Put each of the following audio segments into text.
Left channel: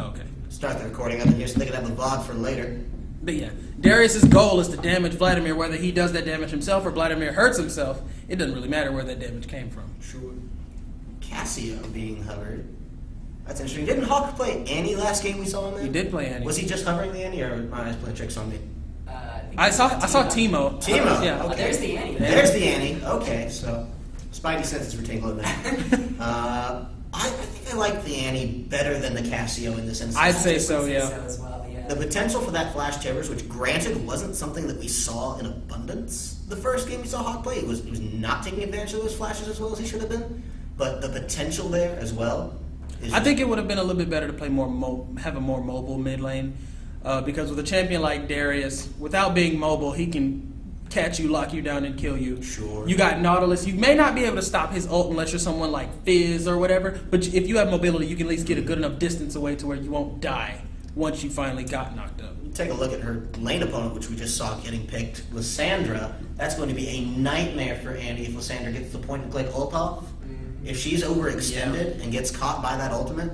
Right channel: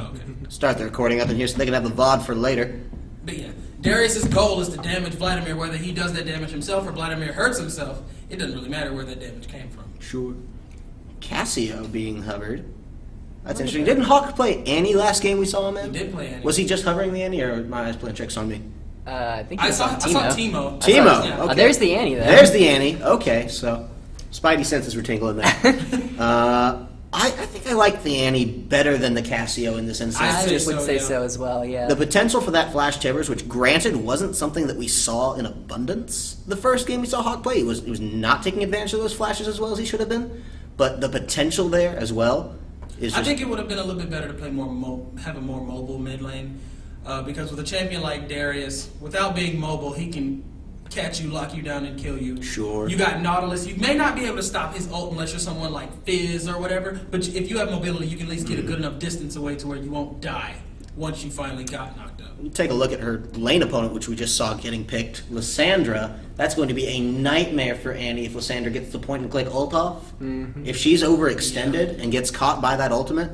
Okay. Start the recording up in here so they can have a VOD for later. But yeah, Darius's goal is to damage Vladimir, whether he does that damage himself or Vladimir hurts himself. It doesn't really matter where that damage came from. Sure. Cassio being hovered. That's interesting. Didn't Hawk play Annie last game we saw him in? He did play Annie. Was he just hovering the Annie, or my eyes playing tricks on me? I think I saw Timo. Timo. Yeah. Okay. There's the Annie there. There's the Annie. Okay, so Spidey senses were tingling there. I think I like the Annie better than the Cassio in this instance. I'd I say would so, say yeah. so as well, yeah. The potential for that Flash Tibbers, which granted wasn't something that we saw in abundance the first game we saw Hawk play. He was not taking advantage of those flashes as well as he should have been. But the potential there as well is I think it would have been a little bit better to play have a more mobile mid lane. Because with a champion like Darius, without being mobile, he can catch you, lock you down, and kill you. Sure. You got Nautilus. You may not be able to stop his ult unless you're someone like Fizz or whatever, but if you have mobility, you can at least get a good enough distance away to where you won't die once you finally got knocked up. Take a look at her lane opponent, which we just saw getting picked, Lysandra. That's going to be a nightmare for Annie if Lysandra gets the point-and-click ult off. Mm-hmm. If she's overextended and gets caught by that ultimate,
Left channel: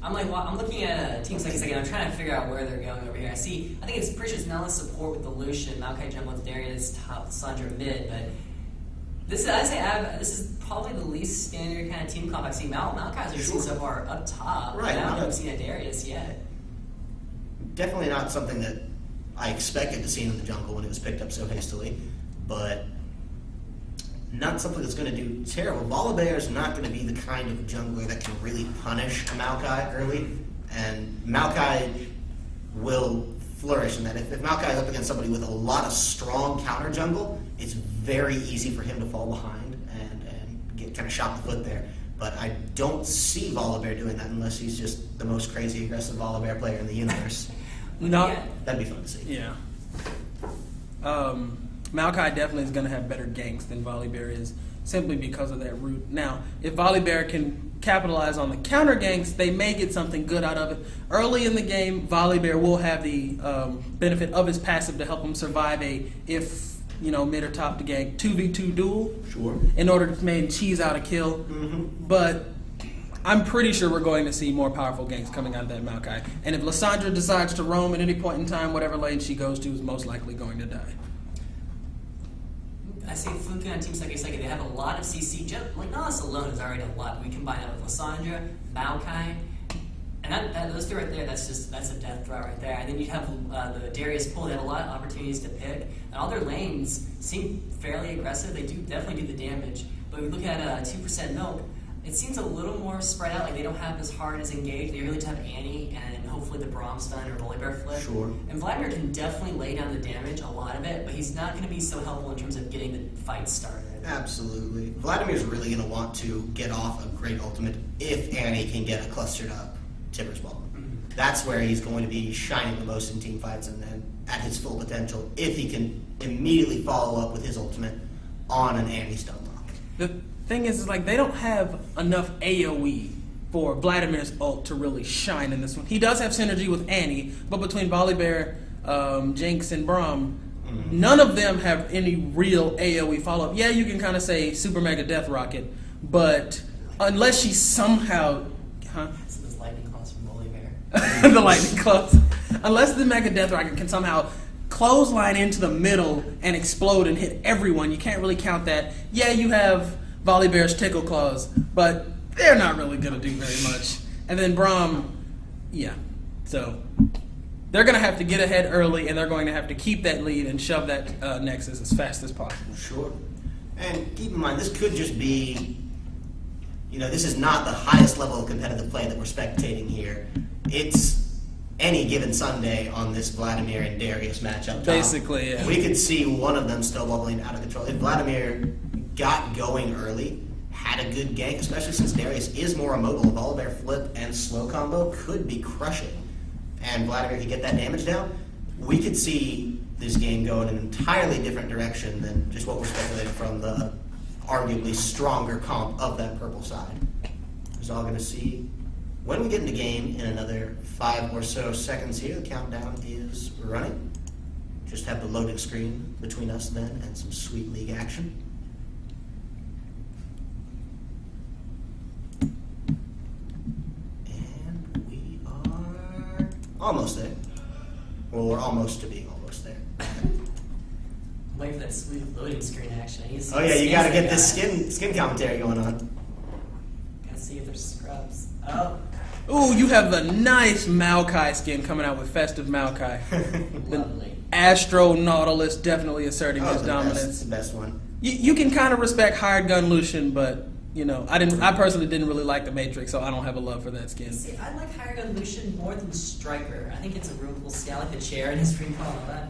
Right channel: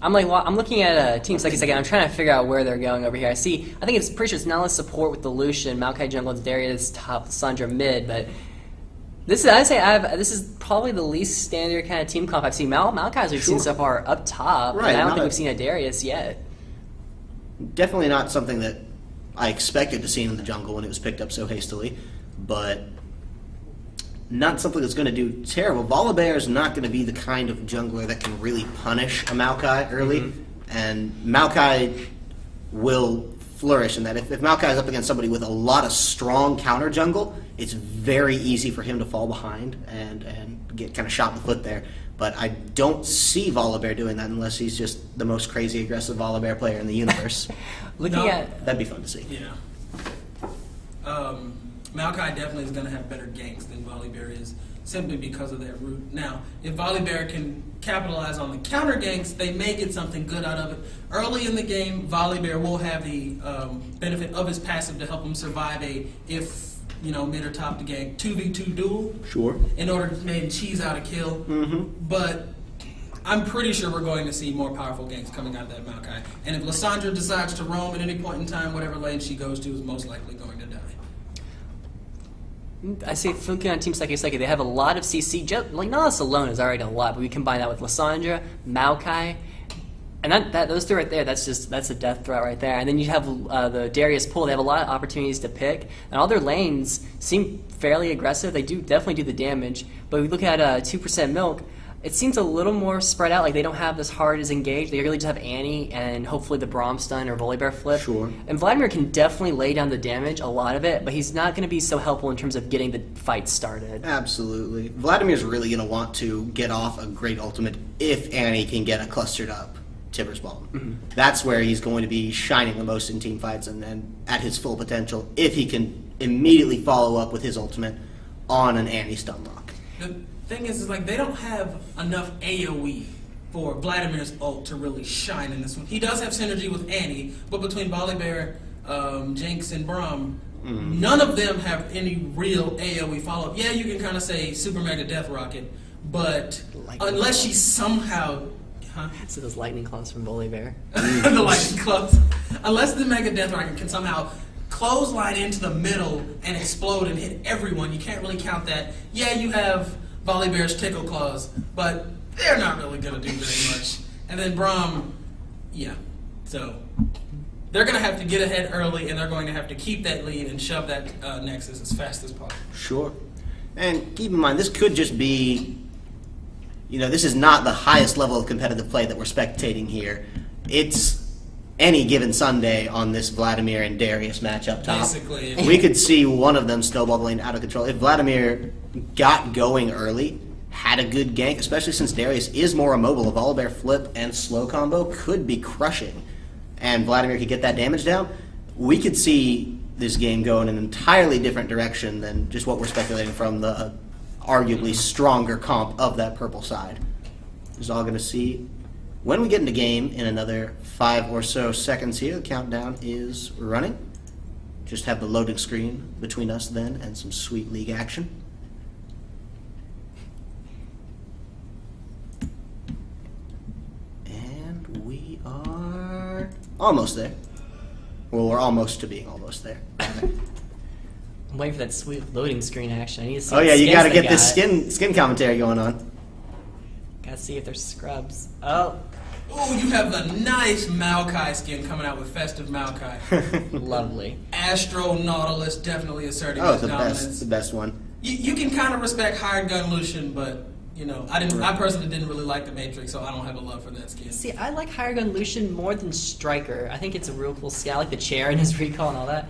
I'm looking at Team Suki second. I'm trying to figure out where they're going over here. I think it's pretty sure it's Nala support with the Lucian, Maokai jungle, Darius top, Sandra mid, but this is probably the least standard kind of team comp I've seen. Maokai's we've seen so far up top, right? I don't think we've seen a Darius yet. Definitely not something that I expected to see in the jungle when it was picked up so hastily, but not something that's going to do terrible. Volibear is not going to be the kind of jungler that can really punish a Maokai early, and Maokai will flourish in that. If Maokai is up against somebody with a lot of strong counter jungle, it's very easy for him to fall behind and get kind of shot in the foot there. But I don't see Volibear doing that unless he's just the most crazy aggressive Volibear player in the universe. That'd be fun to see. Yeah. Maokai definitely is going to have better ganks than Volibear is, simply because of that root. Now, if Volibear can capitalize on the counter ganks, they may get something good out of it. Early in the game, Volibear will have the benefit of his passive to help him survive mid or top to gank 2v2 duel. Sure. In order to maybe cheese out a kill. Mm-hmm. But I'm pretty sure we're going to see more powerful ganks coming out of that Maokai. And if Lysandra decides to roam at any point in time, whatever lane she goes to is most likely going to die. I say Fuki on Team Suki, they have a lot of CC. Nautilus alone is already a lot, but we combine that with Lysandra, Maokai, and those two right there, that's a death threat right there. And then you have the Darius pool. They have a lot of opportunities to pick, and all their lanes seem fairly aggressive. They definitely do the damage. But we look at 2% Milk. It seems a little more spread out, like they don't have this hard as engaged. They really just have Annie and hopefully the Braum stun or Volibear flip. Sure. And Vladimir can definitely lay down the damage, a lot of it, but he's not going to be so helpful in terms of getting the fight started. Absolutely. Vladimir's really going to want to get off a great ultimate if Annie can get a clustered up Tibbers bomb. Mm-hmm. That's where he's going to be shining the most in team fights and at his full potential if he can immediately follow up with his ultimate on an Annie stun lock. The thing is they don't have enough AoE for Vladimir's ult to really shine in this one. He does have synergy with Annie, but between Volibear, Jinx, and Braum, none of them have any real AoE follow-up. Yeah, you can kind of say Super Mega Death Rocket, but unless she somehow... So those lightning claws from Volibear. The lightning claws. Unless the Mega Death Rocket can somehow clothesline into the middle and explode and hit everyone, you can't really count that. Yeah, you have Volibear's Tickle Claws, but they're not really going to do very much. And then Braum, yeah. So they're going to have to get ahead early, and they're going to have to keep that lead and shove that Nexus as fast as possible. Sure. And keep in mind, this could just be, this is not the highest level of competitive play that we're spectating here. It's any given Sunday on this Vladimir and Darius matchup top. Basically, yeah. We could see one of them snowball the lane out of control. If Vladimir got going early, had a good gank, especially since Darius is more immobile, a Volibear flip and slow combo could be crushing, and Vladimir could get that damage down, we could see this game go in an entirely different direction than just what we're speculating from the arguably stronger comp of that purple side. Is all going to see when we get into game in another 5 or so seconds here. The countdown is running. Just have the loading screen between us then and some sweet league action. And we Almost there. Well, we're almost to being almost there. I'm waiting for that sweet loading screen action. I need to see Oh yeah, the you skins gotta they get got. this skin commentary going on. Gotta see if there's scrubs. Oh, Ooh, you have a nice Maokai skin coming out with Festive Maokai. lovely. Astro Nautilus definitely asserting Oh, his dominance. the best one. You can kind of respect Hired Gun Lucian, but you know, I personally didn't really like the Matrix, so I don't have a love for that skin. See, I like Higher Gun Lucian more than Striker. I think it's a real cool skin. I like the chair and his recall and all that.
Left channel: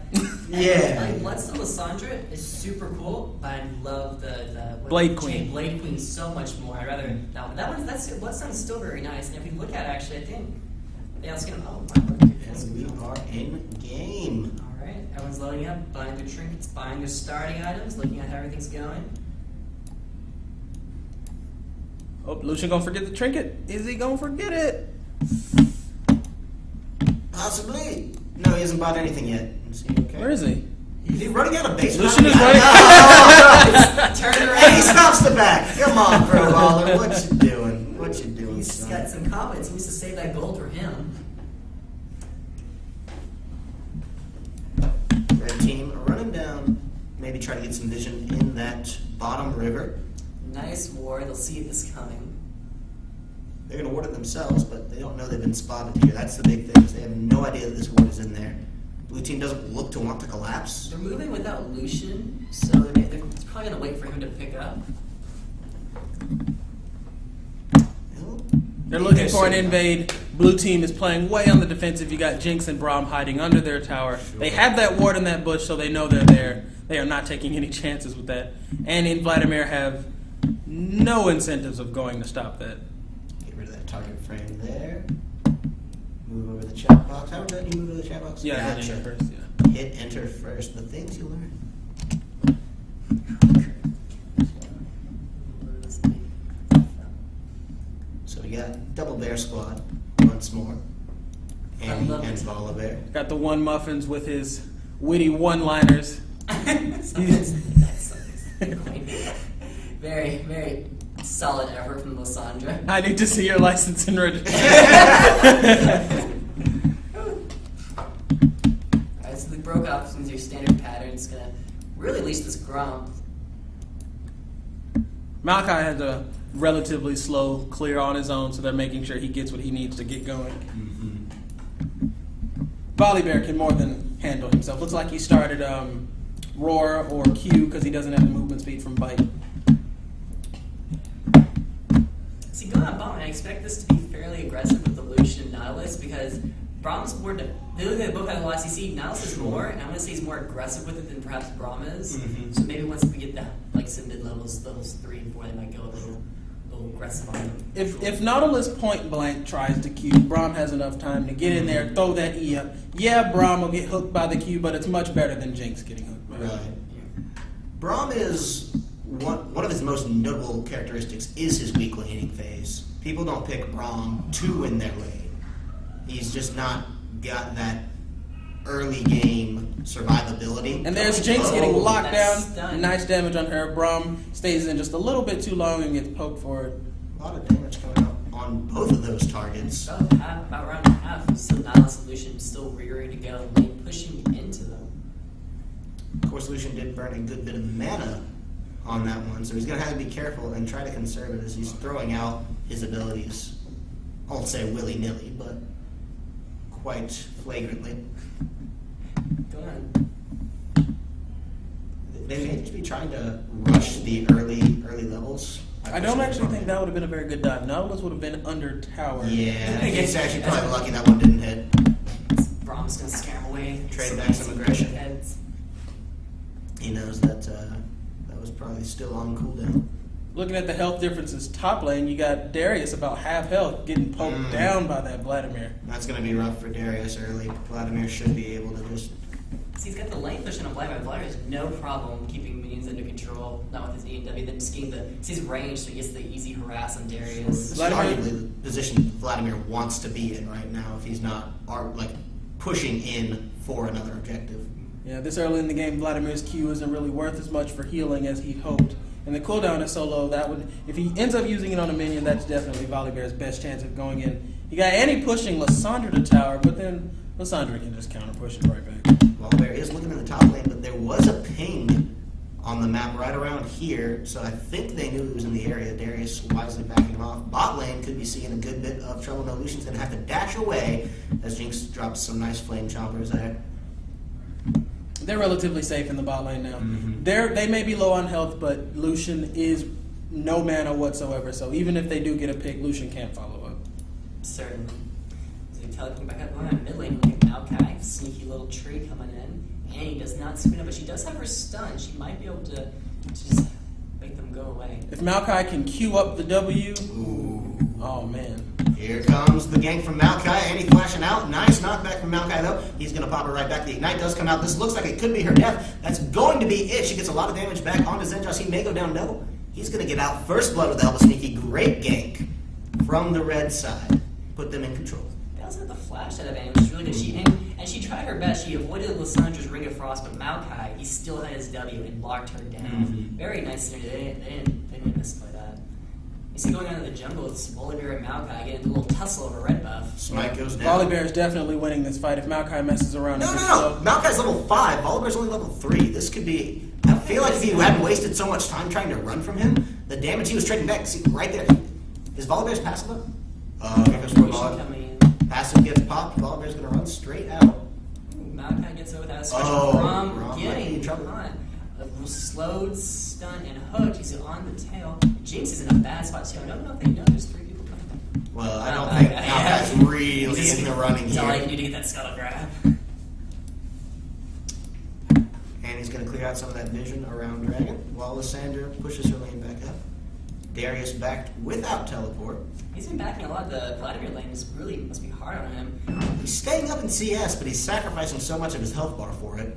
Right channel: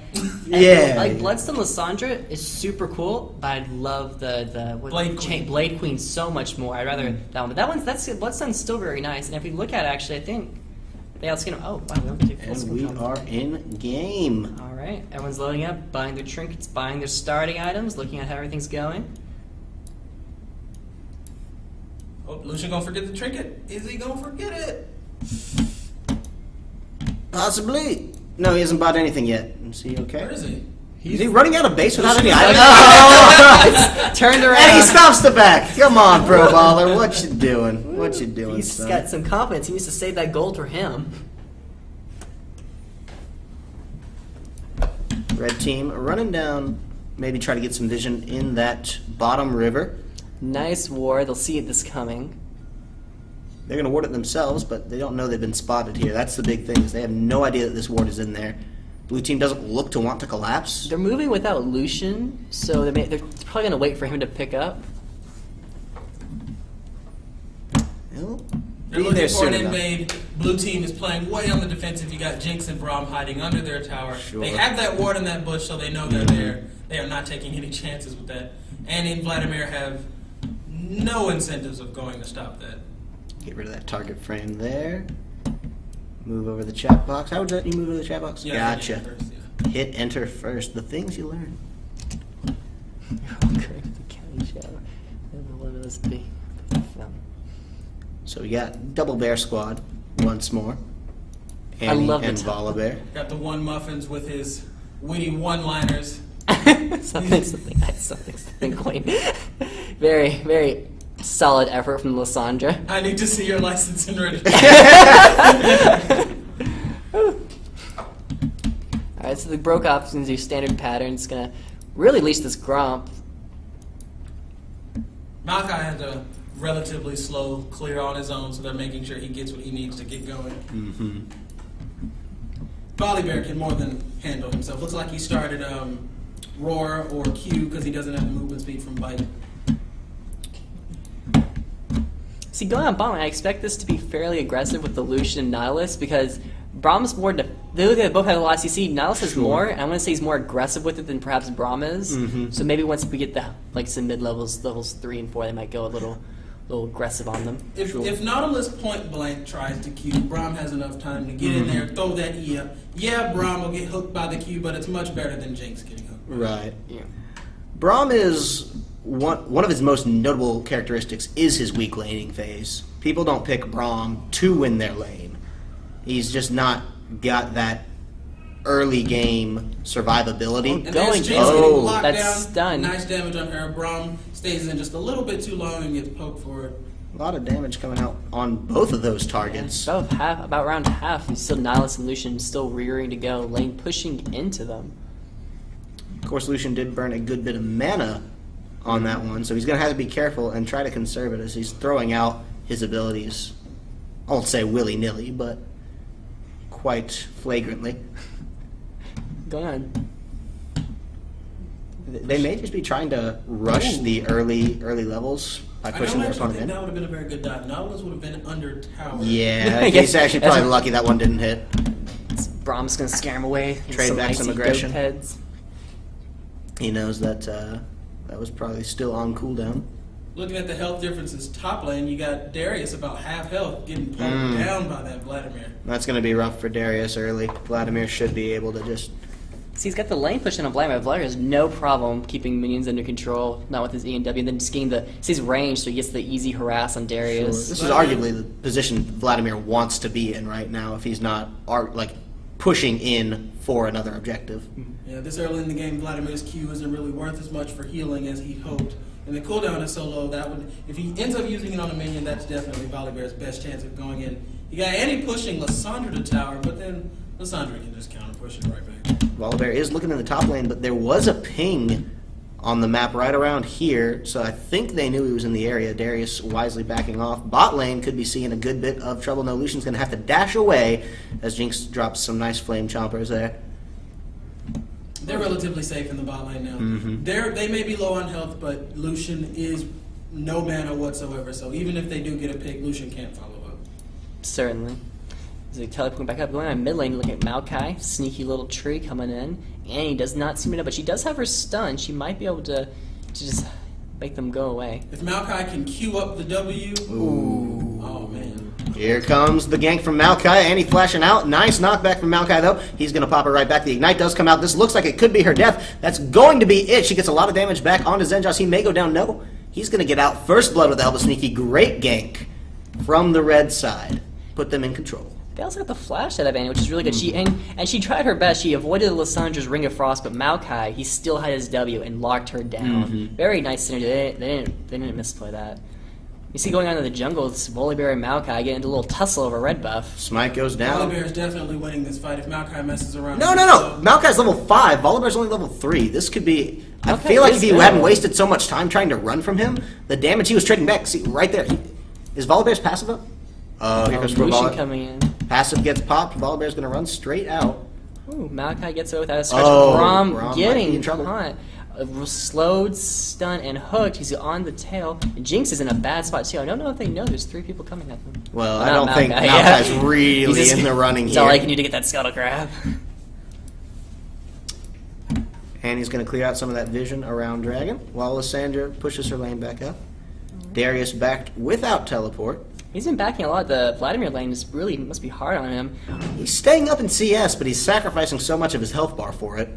Yeah. Like Bloodstone Lysandra is super cool, but I love the Blade Queen. Blade Queen so much more. I'd rather that one. But that one's Bloodstone's still very nice. And if you look at it, actually, I think they outskin him. Oh, wow, let me take full And screen we on. are in game. All right, everyone's loading up, buying their trinkets, buying their starting items, looking at how everything's going. Oh, Lucian gonna forget the trinket? Is he gonna forget it? Possibly. No, he hasn't bought anything yet. Is he okay? Where is he? Is he running out of base without Lucian any is items? Turned around. And he stops the back. Come on, Pro Baller. What you doing? What you doing, He's son? got some confidence. He needs to save that gold for him. Red team running down. Maybe try to get some vision in that bottom river. Nice war. They'll see this coming. They're going to ward it themselves, but they don't know they've been spotted here. That's the big thing, is they have no idea that this ward is in there. Blue team doesn't look to want to collapse. They're moving without Lucian, so they're probably going to wait for him to pick up. Well, They're be looking there for soon an enough. invade. Blue team is playing way on the defensive. You got Jinx and Braum hiding under their tower. Sure. They have that ward in that bush, so they know they're there. They are not taking any chances with that. And in Vladimir have no incentives of going to stop that. Get rid of that target frame there. Move over the chat box. How would you move over the chat box? Yeah, Gotcha. first, yeah. Hit enter first. The things you learn. So we got double bear squad once more. Annie love and it. Volibear. Got the one Muffins with his witty one-liners. something quaint. Very, very solid effort from Lysandra. I need to see your license and registration. Alright, so the broke options do standard pattern. It's gonna really leash this Gromp. Maokai has a relatively slow clear on his own, so they're making sure he gets what he needs to get going. Mm-hmm. Volibear can more than handle himself. Looks like he started Roar or Q because he doesn't have movement speed from Bite. See, going on bottom, I expect this to be fairly aggressive with the Lucian and Nautilus because Braum's more. They both have a lot of CC. Nautilus has Sure. more, and I'm going to say he's more aggressive with it than perhaps Braum is. Mhm. So maybe once we get the some mid levels 3 and 4, they might go a little aggressive on them. If Nautilus point blank tries to Q, Braum has enough time to get in there, throw that E up. Yeah, Braum will get hooked by the Q, but it's much better than Jinx getting hooked. Right. Yeah. Braum is one of his most notable characteristics is his weak laning phase. People don't pick Braum to win their lane. He's just not got that early game survivability. And there's Going Jinx to- getting Oh, locked that's down. done. Nice damage on her. Braum stays in just a little bit too long and gets poked for it. A lot of damage coming out on both of those targets. About around half. Still Nautilus and Lucian still rearing to go, lane pushing into them. Of course, Lucian did burn a good bit of mana on that one, so he's going to have to be careful and try to conserve it as he's throwing out his abilities. I won't say willy-nilly, but quite flagrantly. Going on. They may just be trying to rush the early levels by I pushing don't their actually opponent think in. that would have been a very good dive. Nautilus would have been under tower. Yeah, I he's guess actually that's probably what- lucky that one didn't hit. Braum's going to scare him away. Trade back some icy aggression. goat heads. He knows that that was probably still on cooldown. Looking at the health differences, top lane, you got Darius about half health getting pulled down by that Vladimir. That's going to be rough for Darius early. Vladimir should be able to just... See, he's got the lane push on Vladimir. Vladimir has no problem keeping minions under control, not with his E and W, and then just getting he's range, so he gets the easy harass on Darius. This is arguably the position Vladimir wants to be in right now if he's not pushing in for another objective. Yeah, this early in the game, Vladimir's Q isn't really worth as much for healing as he hoped. And the cooldown is so low that if he ends up using it on a minion, that's definitely Volibear's best chance of going in You got Annie pushing Lysandra to tower, but then Lysandra can just counter push it right back. Volibear is looking in the top lane, but there was a ping on the map right around here, so I think they knew he was in the area. Darius wisely backing off. Bot lane could be seeing a good bit of trouble. No, Lucian's going to have to dash away as Jinx drops some nice flame chompers there. They're relatively safe in the bot lane now. They may be low on health, but Lucian is no mana whatsoever, so even if they do get a pick, Lucian can't follow up. Certainly. As they teleporting back up, going on mid lane, look at Maokai, sneaky little tree coming in. Annie does not seem to know, but she does have her stun. She might be able to just make them go away. If Maokai can queue up the W, Ooh. oh man. Here comes the gank from Maokai. Annie flashing out. Nice knockback from Maokai, though. He's going to pop her right back. The Ignite does come out. This looks like it could be her death. That's going to be it. She gets a lot of damage back onto Zenjas. He may go down. No. He's going to get out. First blood with the help of Sneaky. Great gank from the red side. Put them in control. They also got the flash out of Annie, which is really good. She tried her best. She avoided Lysandra's Ring of Frost, but Maokai, he still had his W and locked her down. Very nice synergy. They didn't misplay that. You see going on in the jungle, it's Volibear and Maokai getting into a little tussle over red buff. Smite goes down. Volibear is definitely winning this fight if Maokai messes around. No. Maokai's level 5. Volibear's only level 3. This could be... I feel like if you hadn't wasted so much time trying to run from him, the damage he was trading back... See, right there. Is Volibear's passive up? Here comes Lucian coming in. Passive gets popped. Volibear's going to run straight out. Ooh, Maokai gets it without a scratch. Braum might be Getting in trouble. caught. Slowed, stunned, and hooked. He's on the tail. And Jinx is in a bad spot too. I don't know if they know there's 3 people coming at them. Well, I Not don't think Maokai, Maokai's yeah. really He's just- in the running It's here. all I can do to get that scuttle grab. And he's going to clear out some of that vision around Dragon, while Lysandra pushes her lane back up. Darius backed without teleport. He's been backing a lot. The Vladimir lane is really must be hard on him. He's staying up in CS, but he's sacrificing so much of his health bar for it.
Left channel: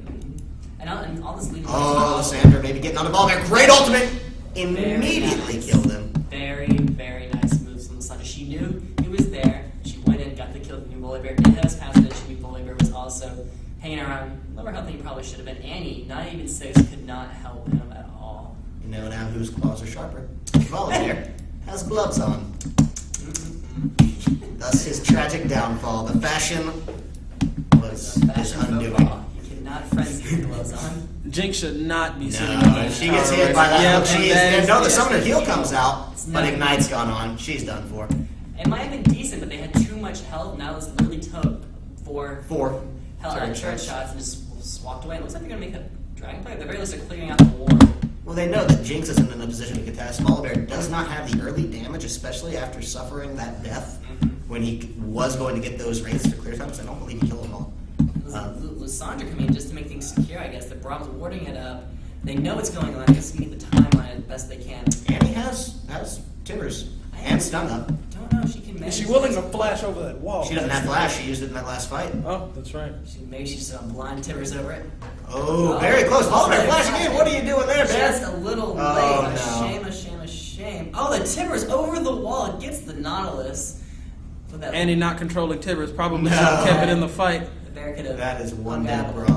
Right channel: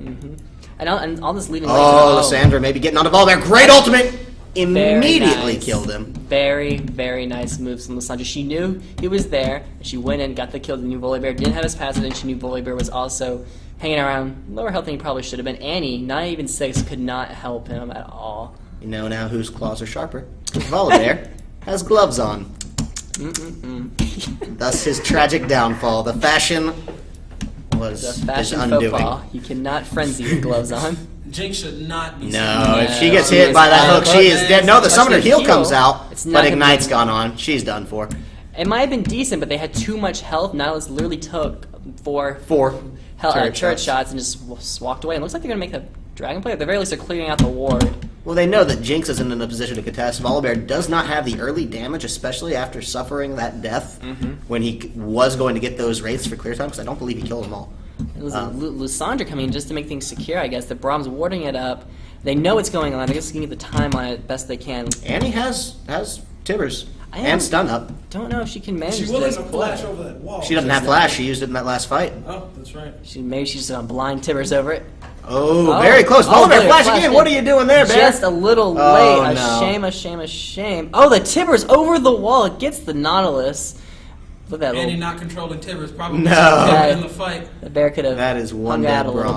And all this leaving. Oh, Lysandra maybe getting onto Volibear. Great ultimate! Very Immediately nice. killed him. Very, very nice moves from Lysandra. She knew he was there, and she went in, got the kill. The new Volibear didn't have his passive, and she knew Volibear was also hanging around lower health than he probably should have been. Annie, not even 6, could not help him at all. You know now whose claws are sharper. Volibear has gloves on. Thus his tragic downfall. The fashion was The his fashion undoing. faux pas. You cannot frenzy with gloves on. Jinx should not be No, seen. if she gets hit by that hook, she is dead. No, the summoner It's heal the comes heal. out, It's not but gonna Ignite's be- gone on. She's done for. It might have been decent, but they had too much health. Nihilus literally took 4 4 turret shots and just walked away. It looks like they're going to make the dragon play. At the very least, they're clearing out the ward. Well, they know that Jinx isn't in a position to contest. Volibear does not have the early damage, especially after suffering that death when he was going to get those raids for clear time, because I don't believe he killed them all. It was Lysandra coming in just to make things secure, I guess. The Brahm's warding it up. They know what's going on. I guess they can get the time on it best they can. Annie has Tibbers I am- and stun up. Don't know if she can manage Is she willing this. to flash over that wall? She doesn't have flash. She used it in that last fight. Oh, that's right. Maybe she's just going to blind Tibbers over it. Oh, very close. Volibear Volibear flash flashed again. it. What are you doing there, Bear? Just a little late. Oh, A no. shame, a shame, a shame. Oh, the Tibbers over the wall. It gets the Nautilus. Look at that. Annie little- not controlling Tibbers probably No. kept it in the fight. The bear could have That is one hung dead out a little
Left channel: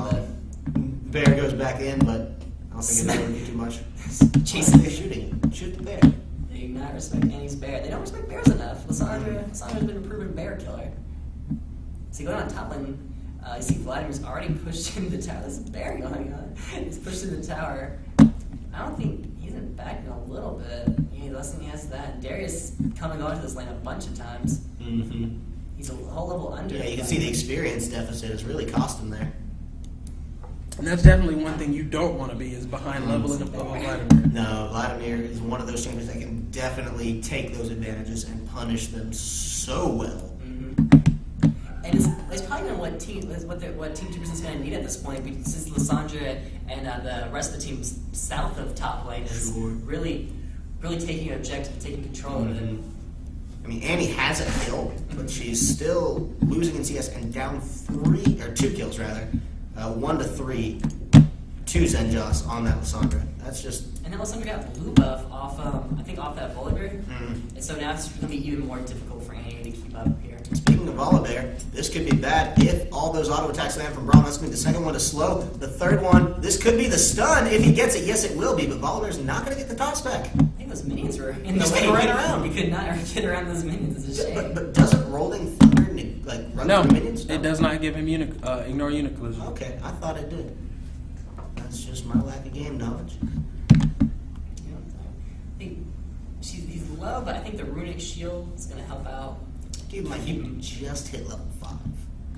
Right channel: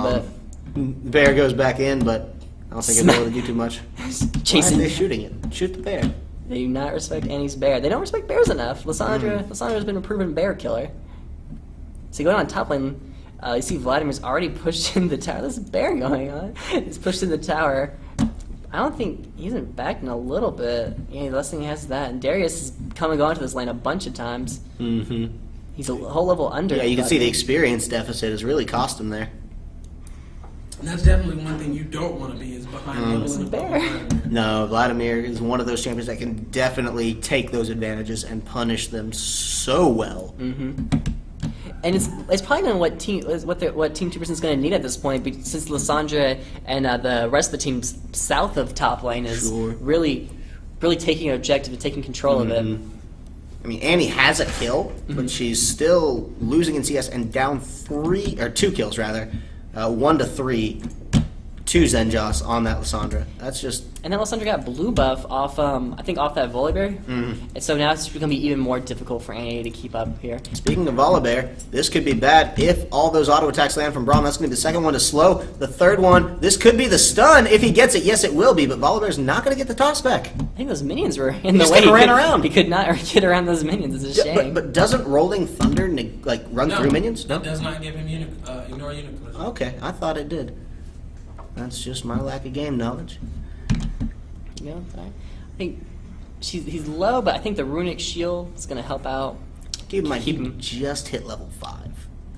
Braum. Bear goes back in, but I don't think it'll really do too much. bit. Why are Chasing. they shooting it? Shoot the bear. They do not respect Annie's bear. They don't respect bears enough. Lysandra's been a proven bear killer. So going on top lane, you see Vladimir's already pushed in the tower. There's a bear going on. He's pushed in the tower. I don't think he's been back in a little bit. Yeah, less than he has that. And Darius has come and gone to this lane a bunch of times. Mm-hmm. He's a whole level under. Yeah, you can see the experience deficit has really cost him there. And that's definitely one thing you don't want to be is behind leveling above Vladimir. No, Vladimir is one of those champions that can definitely take those advantages and punish them so well. And it's probably going to what Team 2% is going to need at this point, since Lysandra and the rest of the teams south of top lane is Sure. really taking an objective and taking control of it. I mean, Annie has a kill, but she's still losing in CS and down 2 kills rather, 1-3 to Zenjas on that Lysandra. That's just And then Lysandra got blue buff off, I think off that Volibear. And so now it's going to be even more difficult for Annie to keep up here. Speaking of Volibear, this could be bad if all those auto attacks land from Braum. That's going to be the second one to slow. The third one, this could be the stun if he gets it. Yes, it will be, but Volibear's not going to get the toss back. I think those minions were in the Just way. kinda ran around. He could not get around those minions. It's a shame. But doesn't Rolling Thunder run through minions? It does not give him ignore unit collision. Okay, I thought it did. That's just my lack of game knowledge. You know, I think he's low, but I think the runic shield is going to help out. Keep in mind, Keep he him. just hit level 5.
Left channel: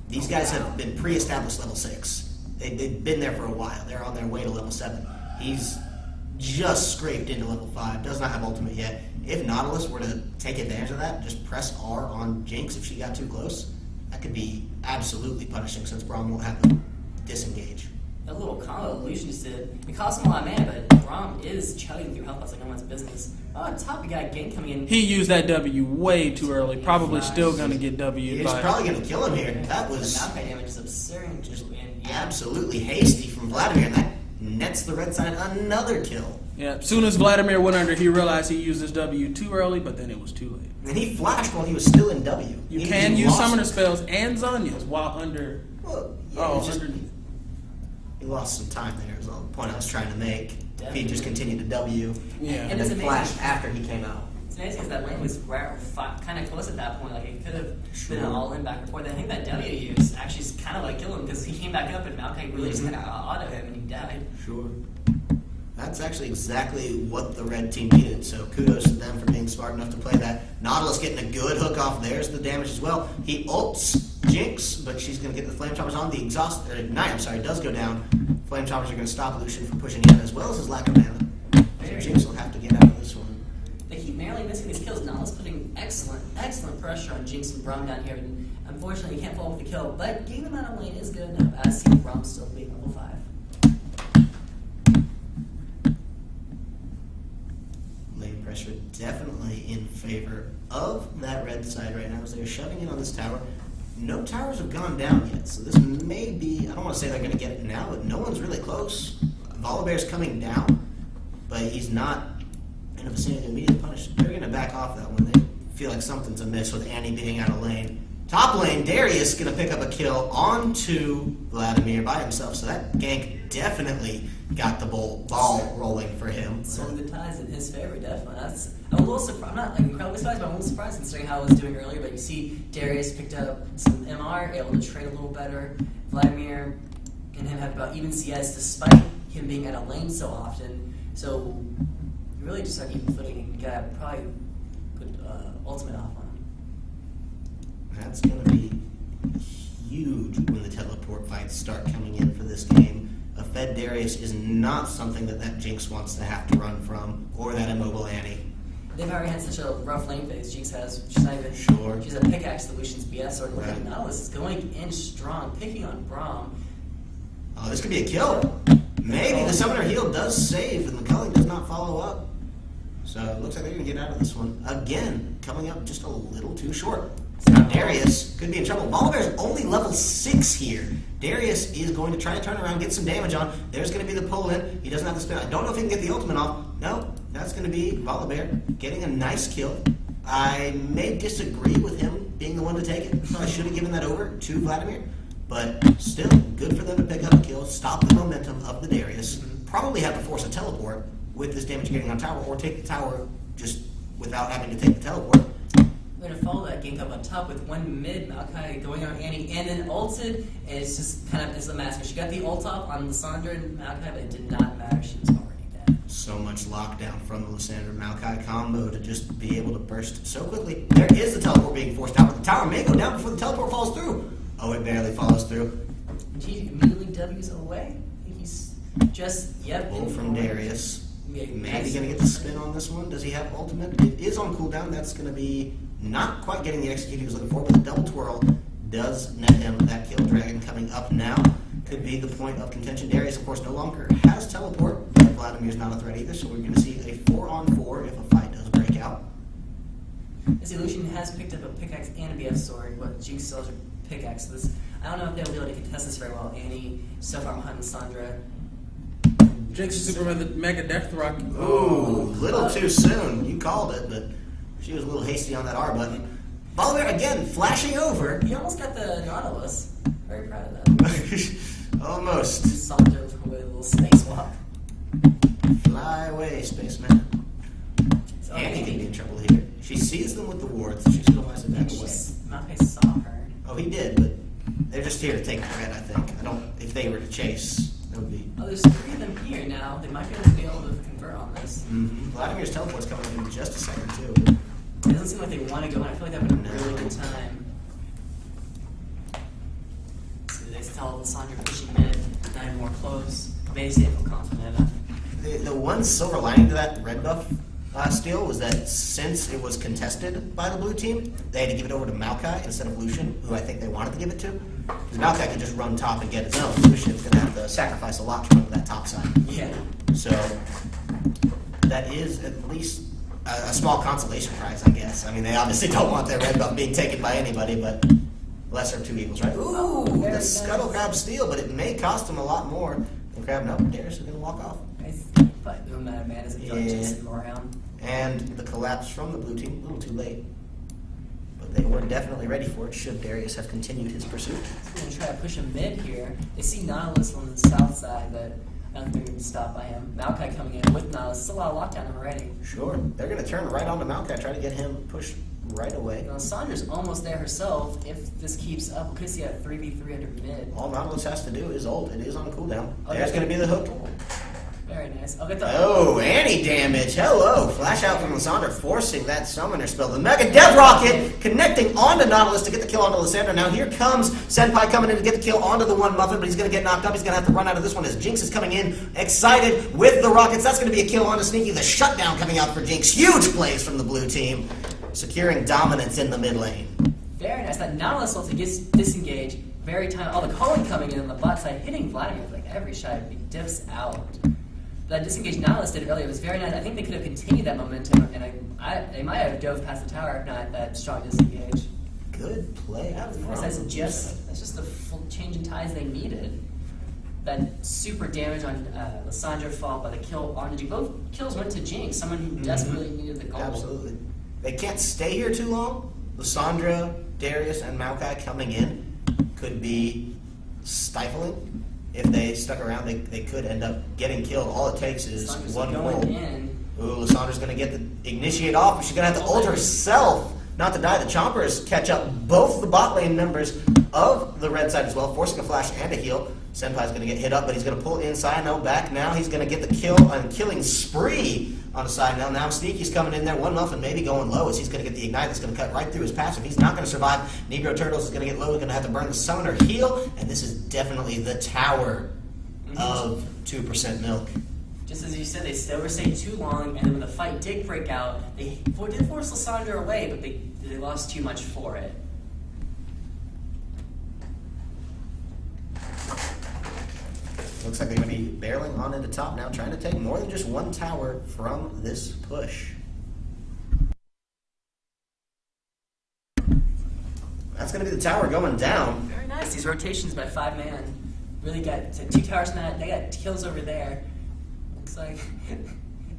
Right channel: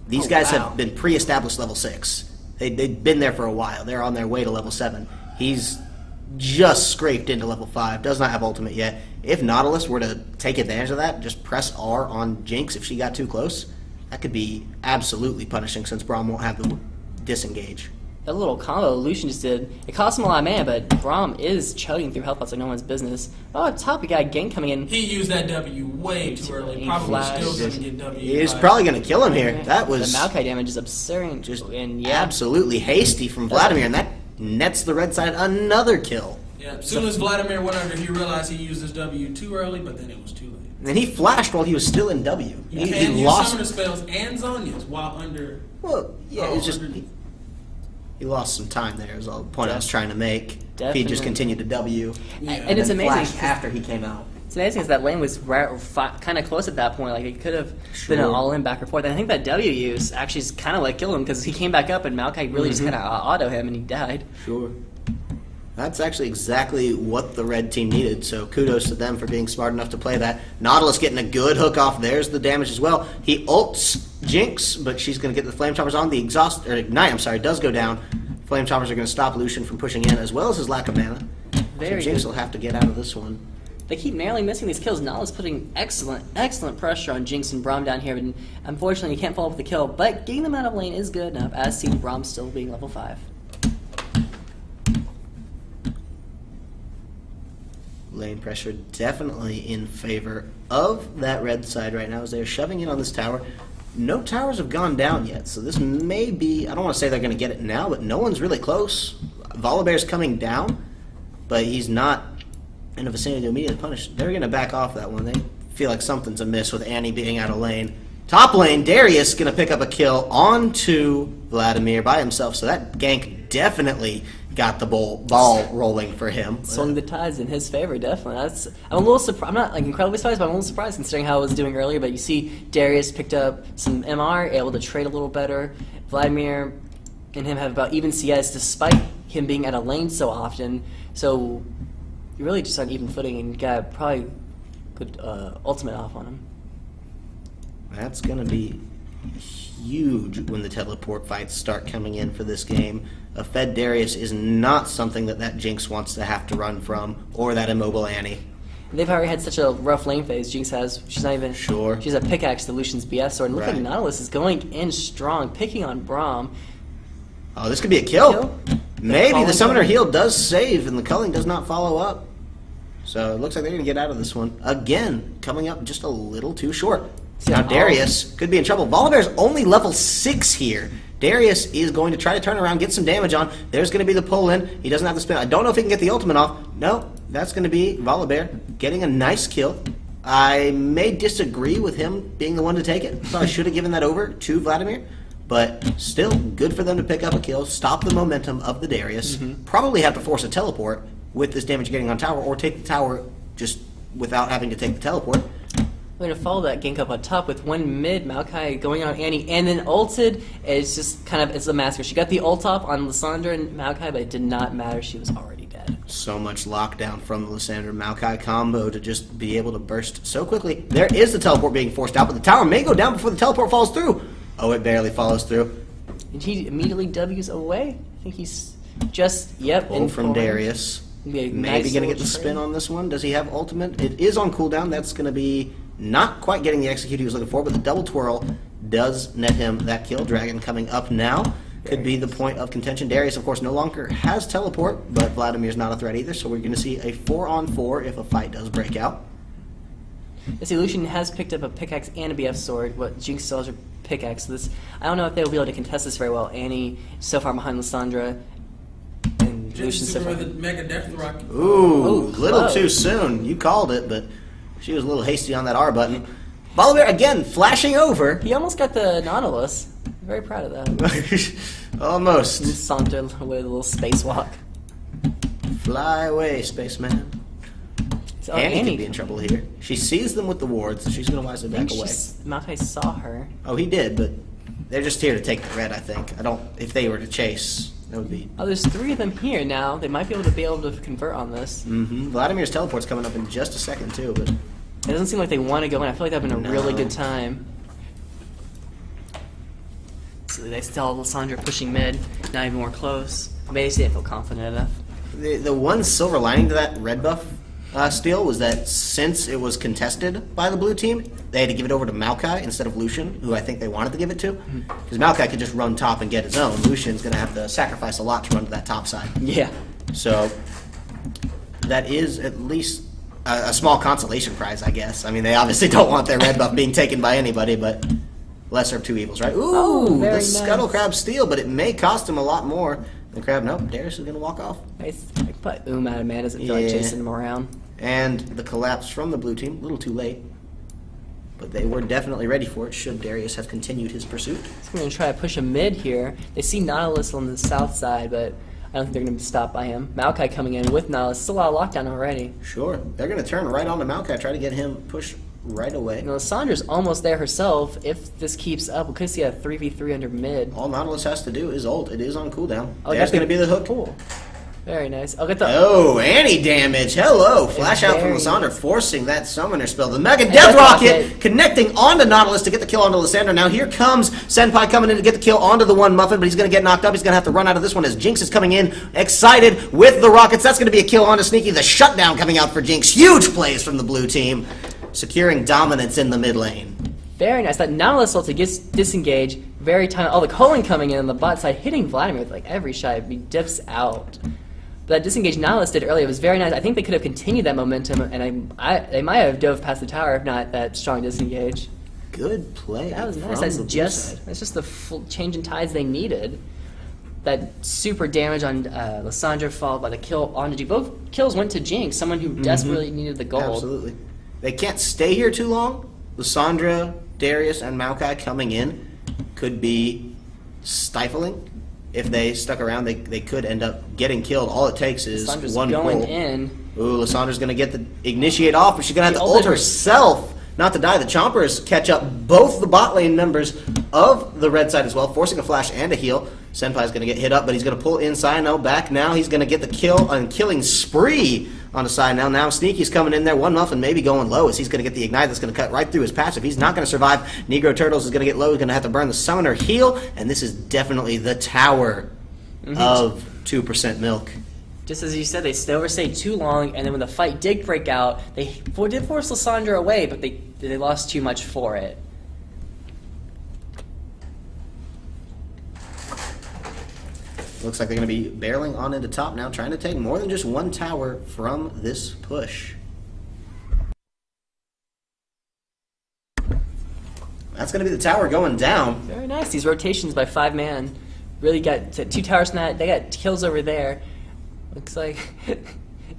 These Oh, guys wow. have been pre-established level 6. They've been there for a while. They're on their way to level 7. He's just scraped into level 5. Does not have ultimate yet. If Nautilus were to take advantage of that, just press R on Jinx if she got too close, that could be absolutely punishing since Braum won't have the disengage. That little combo Lucian just did, it cost him a lot of mana, but Braum is chugging through health pots like no one's business. Oh, at top, we got a gank coming in. He used that W way too early. Probably Flash. still going to get W. He's but- probably going to kill him here. That was The Maokai damage is absurd. just and yeah, absolutely hasty from Vladimir, and that nets the red side another kill. Yeah, as soon as Vladimir went under, he realized he used his W too early, but then it was too late. And he flashed while he was still in W. You He can use lost- summoner spells and Zonia's while under. Well, yeah, Oh, it's just underneath. he lost some time there. Is all the point I was trying to make. If he Definitely. just continued to W, Yeah. And it's then amazing. flashed after he came out. It's amazing because that lane was kind of close at that point. Like it could have been an Sure. all-in back and forth. And I think that W use actually kind of like killed him because he came back up and Maokai really just kind of auto him and he died. Sure. That's actually exactly what the red team needed, so kudos to them for being smart enough to play that. Nautilus getting a good hook off. There's the damage as well. He ults Jinx, but she's going to get the Flame Choppers on. The Ignite, does go down. Flame Choppers are going to stop Lucian from pushing in, as well as his lack of mana. So Very Jinx good. will have to get out of this one. They keep narrowly missing these kills. Nautilus putting excellent pressure on Jinx and Braum down here, and unfortunately you can't follow up with the kill. But getting them out of lane is good enough, as seen Braum still being level 5. Lane pressure definitely in favor of that red side right now as they're shoving in on this tower. No towers have gone down yet, so this may be, I don't want to say they're going to get it now, but no one's really close. Volibear's coming down, but he's not in a vicinity to immediately punish. They're going to back off that one. They feel like something's amiss with Annie being out of lane. Top lane, Darius going to pick up a kill onto Vladimir by himself, so that gank definitely got the ball rolling for him. Swung the tides in his favor, definitely. I'm a little surprised. I'm not like incredibly surprised, but I'm a little surprised considering how I was doing earlier. But you see, Darius picked up some MR, able to trade a little better. Vladimir and him have about even CS, despite him being out of lane so often. So you're really just on even footing, and you got probably good ultimate off on him. That's going to be huge when the teleport fights start coming in for this game. A fed Darius is not something that Jinx wants to have to run from, or that immobile Annie. They've already had such a rough lane phase. Jinx has. She's not even. Sure. She's a pickaxe to Lucian's BF sword. And look Right. like Nautilus is going in strong, picking on Braum. Oh, this could be a kill. Maybe Culling. the summoner heal does save, and the culling does not follow up. So it looks like they're going to get out of this one. Again, coming up just a little too short. Now Darius could be in trouble. Volibear's only level 6 here. Darius is going to try to turn around, get some damage on. There's going to be the pull in. He doesn't have to spin. I don't know if he can get the ultimate off. No, that's going to be Volibear getting a nice kill. I may disagree with him being the one to take it. So I should have given that over to Vladimir. But still, good for them to pick up a kill, stop the momentum of the Darius. Probably have to force a teleport with this damage getting on tower, or take the tower just without having to take the teleport. We're going to follow that gank up on top with one mid, Maokai going on Annie, and then ulted. It's just kind of, it's a massacre. She got the ult off on Lysandra and Maokai, but it did not matter. She was already dead. So much lockdown from the Lysandra Maokai combo to just be able to burst so quickly. There is the teleport being forced out, but the tower may go down before the teleport falls through. Oh, it barely follows through. And he immediately W's away. I think he's just, Pull from Darius. Maybe going to get the spin on this one. Does he have ultimate? It is on cooldown. That's going to be not quite getting the execute he was looking for, but the double twirl does net him that kill. Dragon coming up now. Could be the point of contention. Darius, of course, no longer has teleport, but Vladimir's not a threat either, so we're going to see a 4-on-4 if a fight does break out. This Lucian has picked up a pickaxe and a BF sword. What Jinx still has her pickaxe. So this, I don't know if they'll be able to contest this very well. Annie so far behind Lysandra. And Jinx Lucian's super so far- with the Mega Death Rock. Ooh, little close. too soon. You called it, but she was a little hasty on that R button. Volibear again flashing over. He almost got the Nautilus. Very proud of that. Almost. Saunter with a little spacewalk. Fly away, spaceman. So Annie could be in trouble here. She sees them with the wards, so she's going to wisely back away. Makai saw her. Oh, he did, but they're just here to take the red, I think. If they were to chase, that would be... Oh, there's 3 of them here now. They might be able to convert on this. Mm-hmm. Vladimir's teleport's coming up in just a second, too, but... It doesn't seem like they want to go in. I feel like they're having a really good time. So they still Lysandra pushing mid, not even more close. Maybe they didn't feel confident enough. The one silver lining to that red buff steal was that since it was contested by the blue team, they had to give it over to Maokai instead of Lucian, who I think they wanted to give it to. Because Maokai could just run top and get his own. Lucian's going to have to sacrifice a lot to run to that top side. Yeah. So that is at least a small consolation prize, I guess. I mean, they obviously don't want their red buff being taken by anybody, but lesser of two evils, right? Ooh, very the nice. Scuttle Crab steal, but it may cost him a lot more. The Crab, nope, Darius is going to walk off. Nice. But out of mana doesn't feel like Yeah. chasing them around. And the collapse from the blue team, a little too late. But they were definitely ready for it, should Darius have continued his pursuit. I'm going to try to push a mid here. They see Nautilus on the south side, but I don't think they're going to be stopped by him. Maokai coming in with Nautilus. It's a lot of lockdown already. Sure. They're going to turn right on to Maokai, try to get him pushed right away. You know, Sandra's almost there herself. If this keeps up, we could see a 3v3 under mid. All Nautilus has to do is ult. It is on cooldown. Oh, There's that's going to be the hook. Cool. Very nice. I'll get the... Oh, Annie damage. Hello. Flash out from Very Lysandra, forcing that summoner spell. The Mega Death Rocket connecting onto Nautilus to get the kill onto Lysandra. Now here comes Senpai coming in to get the kill onto the one Muffin, but he's going to get knocked up. He's going to have to run out of this one as Jinx is coming in, excited with the rockets. That's going to be a kill onto Sneaky. The shutdown coming out for Jinx. Huge plays from the blue team, securing dominance in the mid lane. Very nice. That Nautilus ulti gets disengaged. Very tiny. Oh, the Colin coming in on the bot side, hitting Vladimir with like every shot. He dips out. But that disengaged Nautilus did earlier was very nice. I think they could have continued that momentum, and they might have dove past the tower if not that strong disengage. Good play. That was from nice. the blue side. That's just the full change in tides they needed. That super damage on Lysandra followed by the kill on Jinx. Both kills went to Jinx, someone who desperately needed the gold. Absolutely. They can't stay here too long. Lysandra, Darius, and Maokai coming in could be stifling. If they stuck around, they could end up getting killed. All it takes is Lysandra's one going pull. in. Ooh, Lysandra's going to get the initiate off, but she's going to have to Ult ult her. herself not to die. The Chompers catch up both the bot lane members of the red side as well, forcing a flash and a heal. Senpai's going to get hit up, but he's going to pull inside. No, back now. He's going to get the kill and killing spree on the side now. Now Sneaky's coming in there. One Muffin maybe going low as he's going to get the ignite that's going to cut right through his passive. He's not going to survive. Negro Turtles is going to get low. He's going to have to burn the summoner heal, and this is definitely the tower of 2% milk. Just as you said, they overstayed too long, and then when the fight did break out, they did force Lysandra away, but they lost too much for it. Looks like they're going to be barreling on into top now, trying to take more than just one tower from this push. That's going to be the tower going down. Very nice. These rotations by 5 man really got 2 towers from that. They got kills over there. Looks like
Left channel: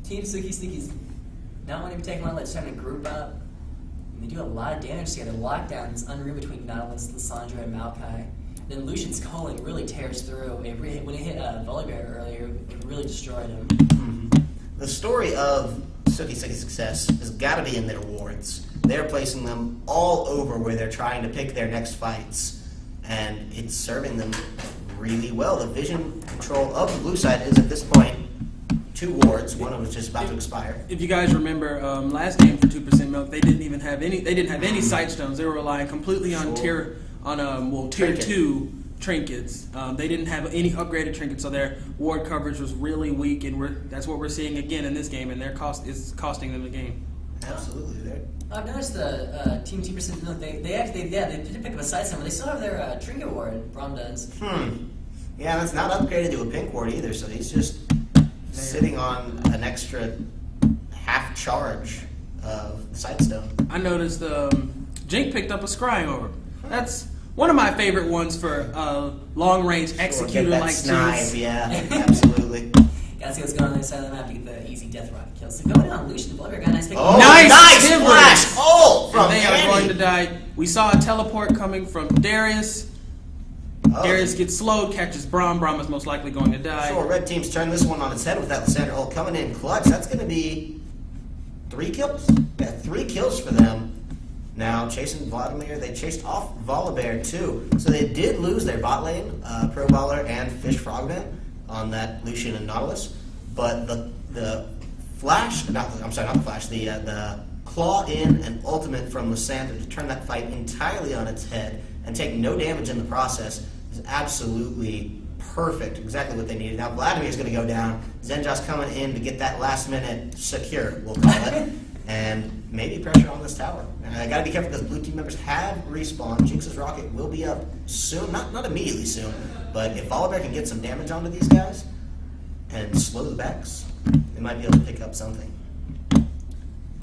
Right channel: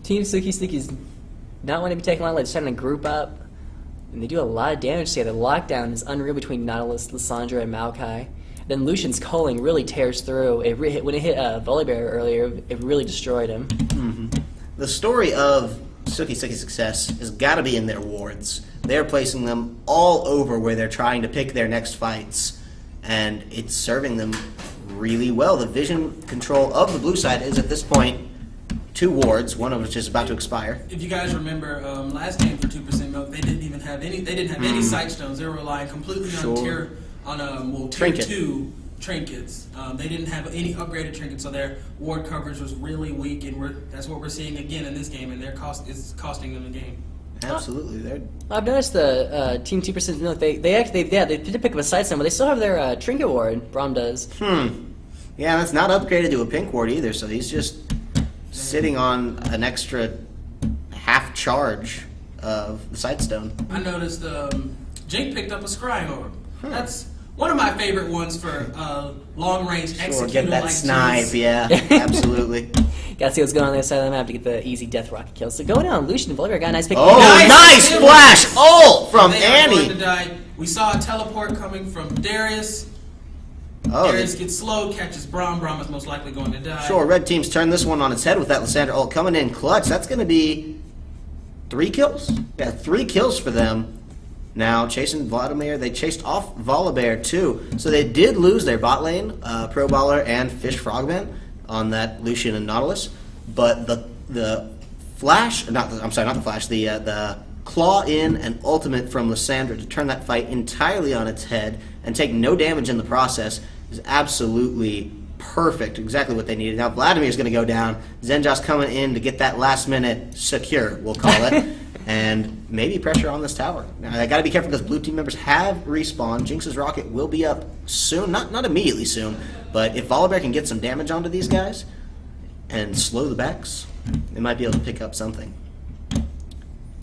Team Suki Sneaky's not wanting to be taken lightly. They're trying to group up, and they do a lot of damage together. The lockdown is unreal between Nautilus, Lysandra, and Maokai. Then Lucian's culling really tears through. When it hit Volibear earlier, it really destroyed him. Mm-hmm. The story of Suki's success has got to be in their wards. They're placing them all over where they're trying to pick their next fights, and it's serving them really well. The vision control of the blue side is at this point 2 wards, one of which is about to expire. If you guys remember, last game for 2% milk, they didn't even have any. They didn't have any sight stones. They were relying completely on tier Trinket. 2 trinkets. They didn't have any upgraded trinkets, so their ward coverage was really weak, and that's what we're seeing again in this game, and their cost is costing them the game. Absolutely, I've noticed the Team 2% milk. They did pick up a side stone, but they still have their trinket ward. Braum does. Yeah, that's not upgraded to a pink ward either, so he's just sitting on an extra half charge of the sightstone. I noticed Jink picked up a scrying orb. That's one of my favorite ones for long range executor Get that like snipe, Jinx. yeah, absolutely. Gotta see what's going on the other side of the map to get the easy death rocket kills. So going down, Lucian and Volibear got a nice pick. Oh, nice flash ult from They are going to Annie. die. We saw a teleport coming from Darius. Darius gets slowed, catches Braum. Braum is most likely going to die. Sure, red team's turned this one on its head with that Lysandra ult coming in clutch. That's going to be 3 kills. Yeah, 3 kills for them. Now, chasing Vladimir, they chased off Volibear too. So they did lose their bot lane, Pro Baller and Fish Frogman on that Lucian and Nautilus. But the flash, the claw in and ultimate from Lysandra to turn that fight entirely on its head and take no damage in the process is absolutely perfect. Exactly what they needed. Now Vladimir's going to go down. Zenjos coming in to get that last minute secure, we'll call it. And maybe pressure on this tower. Now, I got to be careful because blue team members have respawned. Jinx's rocket will be up soon. Not immediately soon, but if Volibear can get some damage onto these guys and slow the backs, they might be able to pick up something.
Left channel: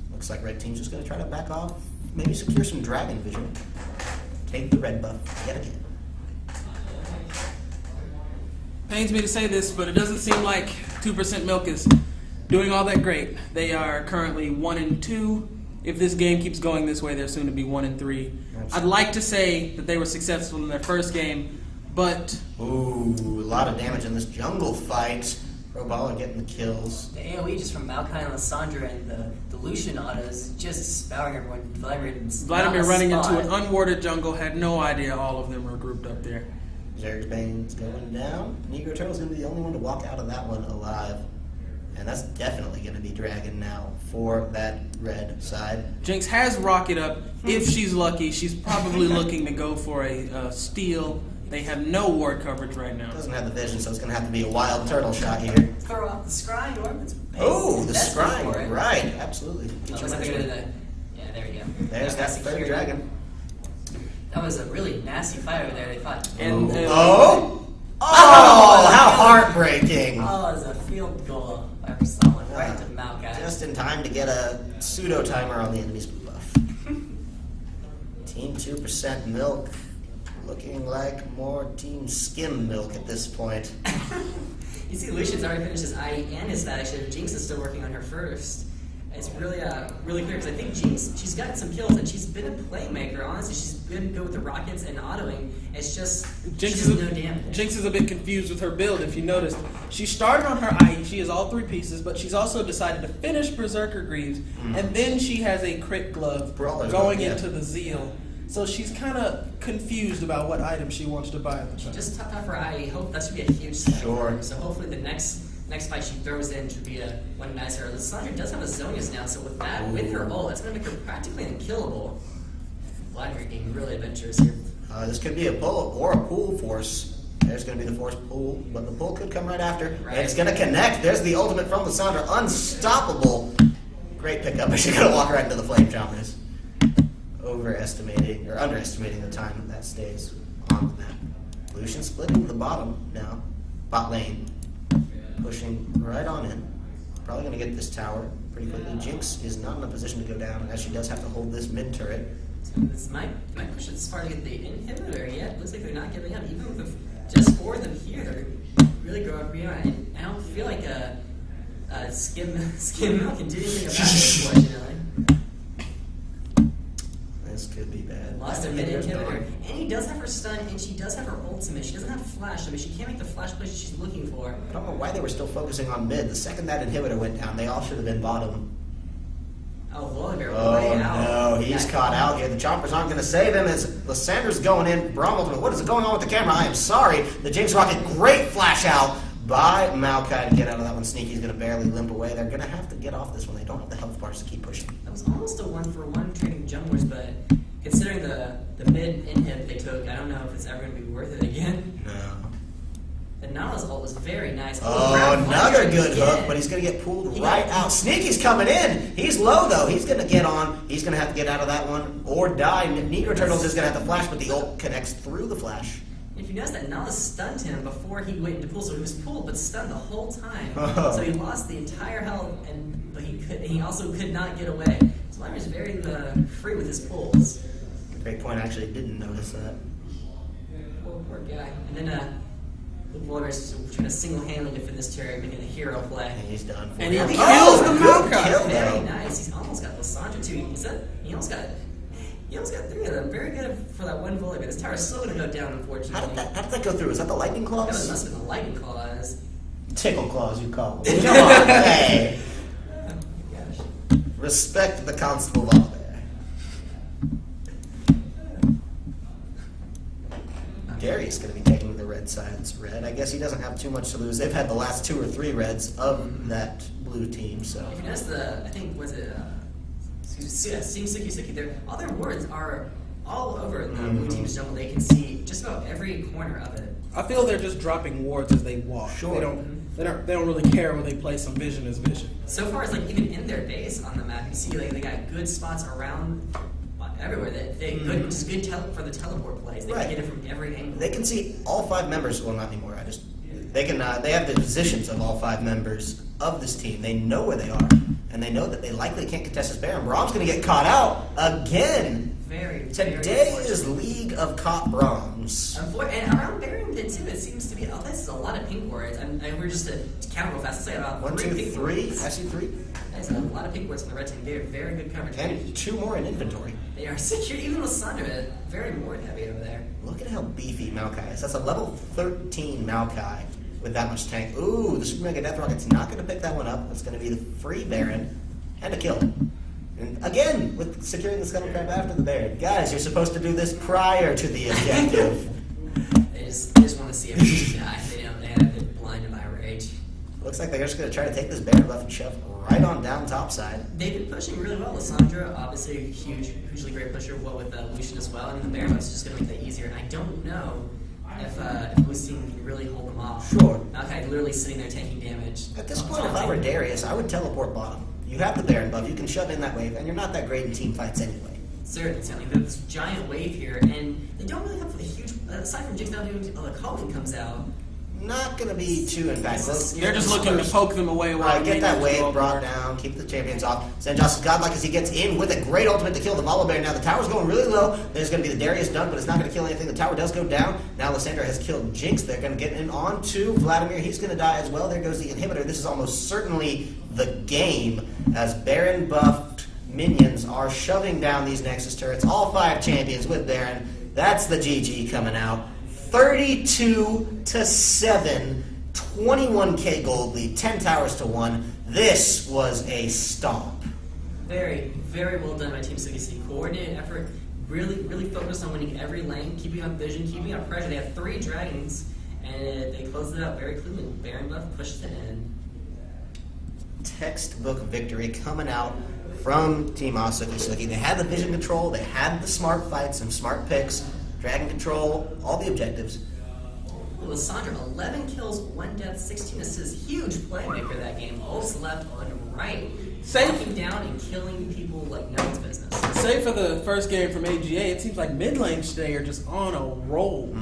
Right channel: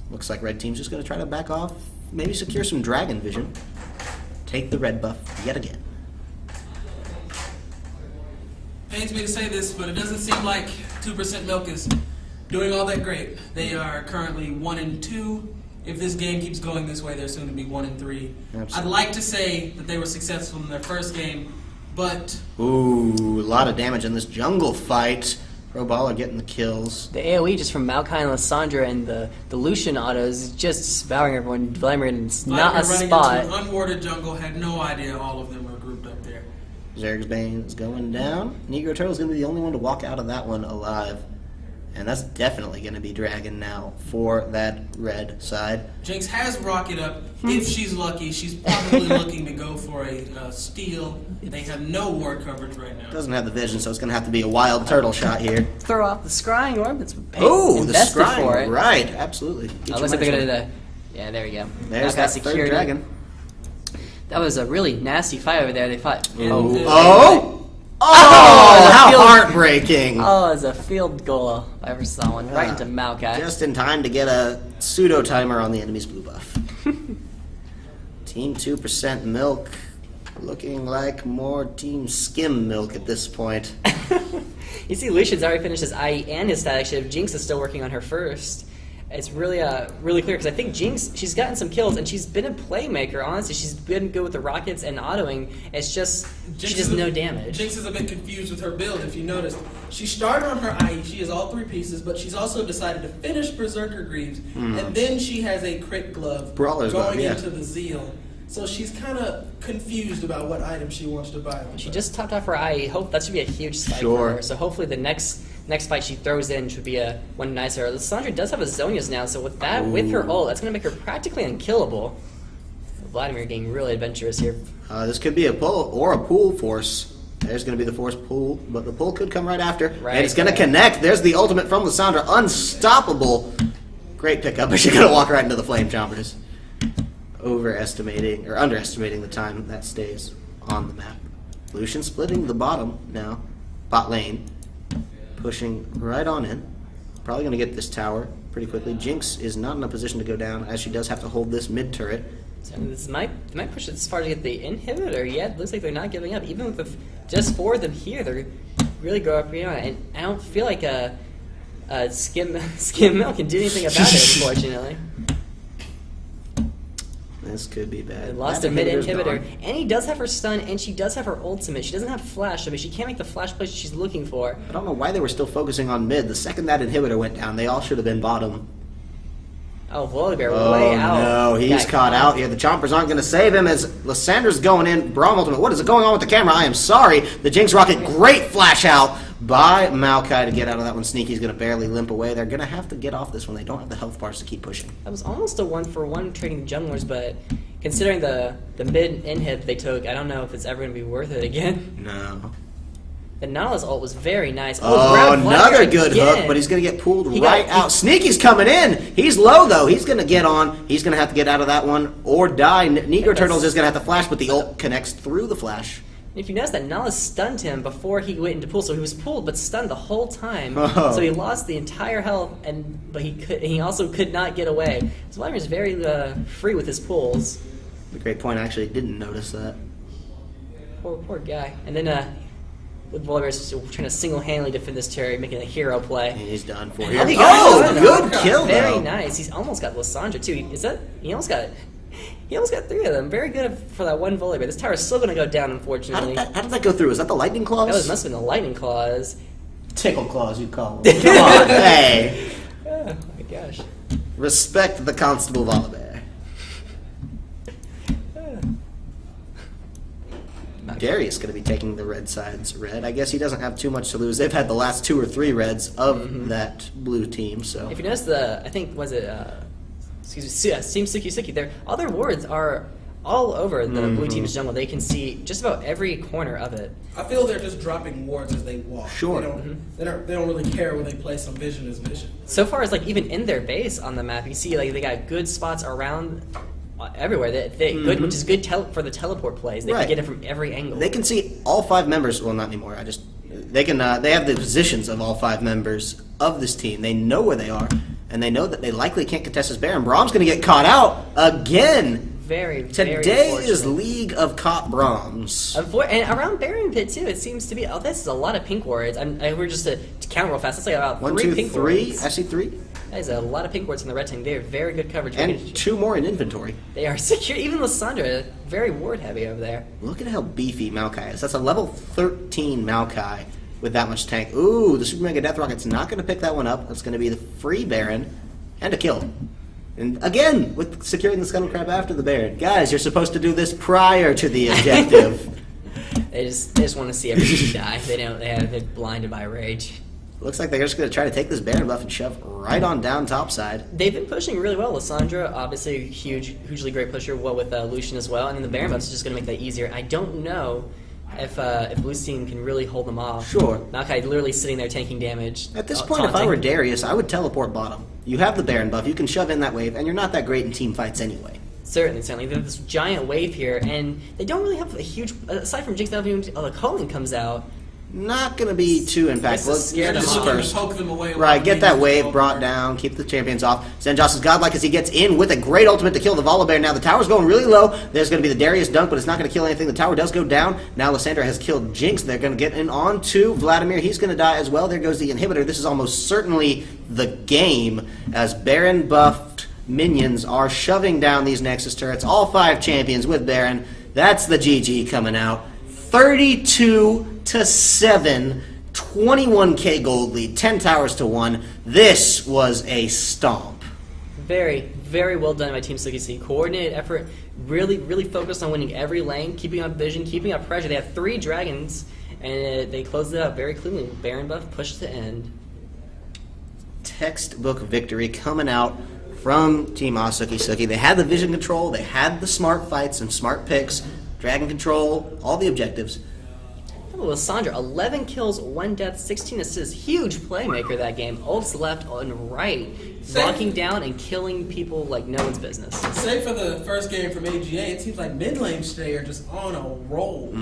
Looks like red team's just going to try to back off, maybe secure some dragon vision. Take the red buff yet again. Pains me to say this, but it doesn't seem like 2% Milk is doing all that great. They are currently 1-2. If this game keeps going this way, they're soon to be 1-3. Absolutely. I'd like to say that they were successful in their first game, but Ooh, a lot of damage in this jungle fight. Pro Baller getting the kills. The AoE just from Maokai and Lysandra and the Lucian autos just spouting everyone. Vladimir is not a Vladimir running spot. into an unwarded jungle, had no idea all of them were grouped up there. Zerg's Bane is going down. Negro Turtle's going to be the only one to walk out of that one alive. And that's definitely going to be Dragon now for that red side. Jinx has rocket up. If she's lucky, she's probably looking to go for a steal. They have no ward coverage right now. Doesn't have the vision, so it's going to have to be a wild turtle shot here. Throw off the scrying orb. It's Oh, the invested for scrying. it. Right, absolutely. Get Oh, your looks like money's they're worth. gonna. Yeah, there you go. There's Maokai that security. third dragon. That was a really nasty fight over there. They fought. Oh, Oh, how field- heartbreaking. Oh, it was a field goal if I ever saw one. Right into Maokai. Just in time to get a pseudo timer on the enemy's blue buff. Team 2% milk. Looking like more Team Skim milk at this point. You see, Lucian's already finished his IE and his static shift. Jinx is still working on her first. It's really really clear because I think Jinx, she's gotten some kills and she's been a playmaker. Honestly, she's been good with the rockets and autoing. It's just she does no damage. Jinx is a bit confused with her build. If you noticed, she started on her IE. She has all 3 pieces, but she's also decided to finish Berserker Greaves, and then she has a crit glove Brawler's going glove, yeah. into the Zeal. So she's kind of confused about what item she wants to buy. She just topped off her IE. Hope that should be a huge spike Sure. for her. So hopefully the next fight she throws in should be one nicer. Lysandra does have a Zonia's now, so with that, with her ult, that's going to make her practically unkillable. Vladimir getting really adventurous here. This could be a pull or a pull force. There's going to be the force pull, but the pull could come right after. Right. And it's going to connect. There's the ultimate from Lysandra. Unstoppable. Great pickup, but she's going to walk right into the flame chompers. Overestimating or underestimating the time that stays on the map. Lucian splitting the bottom now. Bot lane. Pushing right on in. Probably going to get this tower pretty quickly. Jinx is not in a position to go down as she does have to hold this mid turret. So this might push it as far to get the inhibitor. Yeah, it looks like they're not giving up. Even with just 4 of them here, they're really going up beyond. And I don't feel like a skim milk can do anything about it, unfortunately. This could be bad. They lost That a mid inhibitor's inhibitor. gone. And he does have her stun, and she does have her ultimate. She doesn't have flash, so she can't make the flash plays she's looking for. I don't know why they were still focusing on mid. The second that inhibitor went down, they all should have been bottom. Oh, Volibear Oh way out. no, he's Yeah, caught out here. The chompers aren't going to save him as Lysandra's going in. Braum ultimate. What is going on with the camera? I am sorry. The Jinx rocket, great flash out by Maokai to get out of that one. Sneaky's going to barely limp away. They're going to have to get off this one. They don't have the health bars to keep pushing. That was almost a 1-for-1 trading junglers, but considering the mid inhib they took, I don't know if it's ever going to be worth it again. No. The Nautilus ult was very nice. Oh, grab another Vladimir good again. hook, but he's going to get pulled He right got- out. Sneaky's coming in. He's low, though. He's going to get on. He's going to have to get out of that one or die. Negro Turtles is going to have to flash, but the ult connects through the flash. If you notice that Nautilus stunned him before he went into pool, so he was pulled but stunned the whole time. Oh. So he lost the entire health, but he also could not get away. So Vladimir's very free with his pulls. A great point. I actually didn't notice that. Poor guy. And then with Vladimir's trying to single-handedly defend this turret, making a hero play. And he's done for And you. I think Oh, he good got kill, Very though. nice. He's almost got Lysandra too. He almost got 3 of them. Very good for that one Volibear. This tower is still going to go down, How unfortunately. did that go through? Is that the lightning claws? That must have been the lightning claws. Tickle claws, you call them. Come on, hey. Oh my gosh. Respect the Constable Volibear. Darius going to be taking the red side's red. I guess he doesn't have too much to lose. They've had the last 2 or 3 reds of that blue team. So If you notice I think, was it, Team Suki, all their wards are all over the blue team's jungle. They can see just about every corner of it. I feel they're just dropping wards as they walk. Sure. They don't really care where they place them. Vision is vision. So far as like even in their base on the map, you see like they got good spots around everywhere. Good, which is good for the teleport plays. They Right. can get it from every angle. they can see all 5 members. Well, not anymore. They can. They have the positions of all 5 members of this team. They know where they are, and they know that they likely can't contest this Baron. Brahm's going to get caught out again. Very Today is unfortunate. League of Caught Brahms. And around Baron Pit too, it seems to be. Oh, this is a lot of pink wards. We're just to count real fast. Let's say about 1, 3 2, pink 3. wards. I see 3, That is a lot of pink wards in the red team. They are very good coverage. and 2 more in inventory. They are secure. Even Lysandra, very ward heavy over there. Look at how beefy Maokai is. That's a level 13 Maokai with that much tank. Ooh, the Super Mega Death Rocket's not going to pick that one up. It's going to be the free Baron and a kill. And again, with securing the Scuttle Crab after the Baron. Guys, you're supposed to do this prior to the objective. They just want to see everybody die. They're blinded by rage. Looks like they're just going to try to take this Baron buff and shove right on down topside. They've been pushing really well. Lysandra, obviously, a hugely great pusher. What with Lucian as well, and then the Baron buff is just going to make that easier. I don't know if Lucian can really hold them off. Sure. Maokai literally sitting there taking damage. At this point, if I were Darius, I would teleport bottom. You have the Baron buff, you can shove in that wave, and you're not that great in team fights anyway. Certainly. There's this giant wave here, and they don't really have a huge. Aside from Jinx now doing, the Culling comes out. Not going to be too This is impactful. scary. They're just looking to poke them away. Right, get that wave while brought down, keep the champions off. Zenjos is godlike as he gets in with a great ultimate to kill the Volibear. Now the tower's going really low. There's going to be the Darius dunk, but it's not going to kill anything. The tower does go down. Now Lysandra has killed Jinx. They're going to get in on to Vladimir. He's going to die as well. There goes the inhibitor. This is almost certainly the game as Baron buffed minions are shoving down these Nexus turrets. All 5 champions with Baron. That's the GG coming out. 32-7. 21k gold lead, 10 towers to 1. This was a stomp. Very, very well done by Team Suki. Coordinated effort, really focused on winning every lane, keeping up vision, keeping up pressure. They have 3 dragons, and they closed it out very cleanly. Baron buff pushed to end. Textbook victory coming out from Team Suki. They had the vision control, they had the smart fights and smart picks, dragon control, all the objectives. Lysandra, 11 kills, 1 death, 16 assists. Huge playmaker that game. Ults left and right. Knocking down and killing people like no one's business. Save for the first game from AGA, it seems like mid lane today are just on a roll.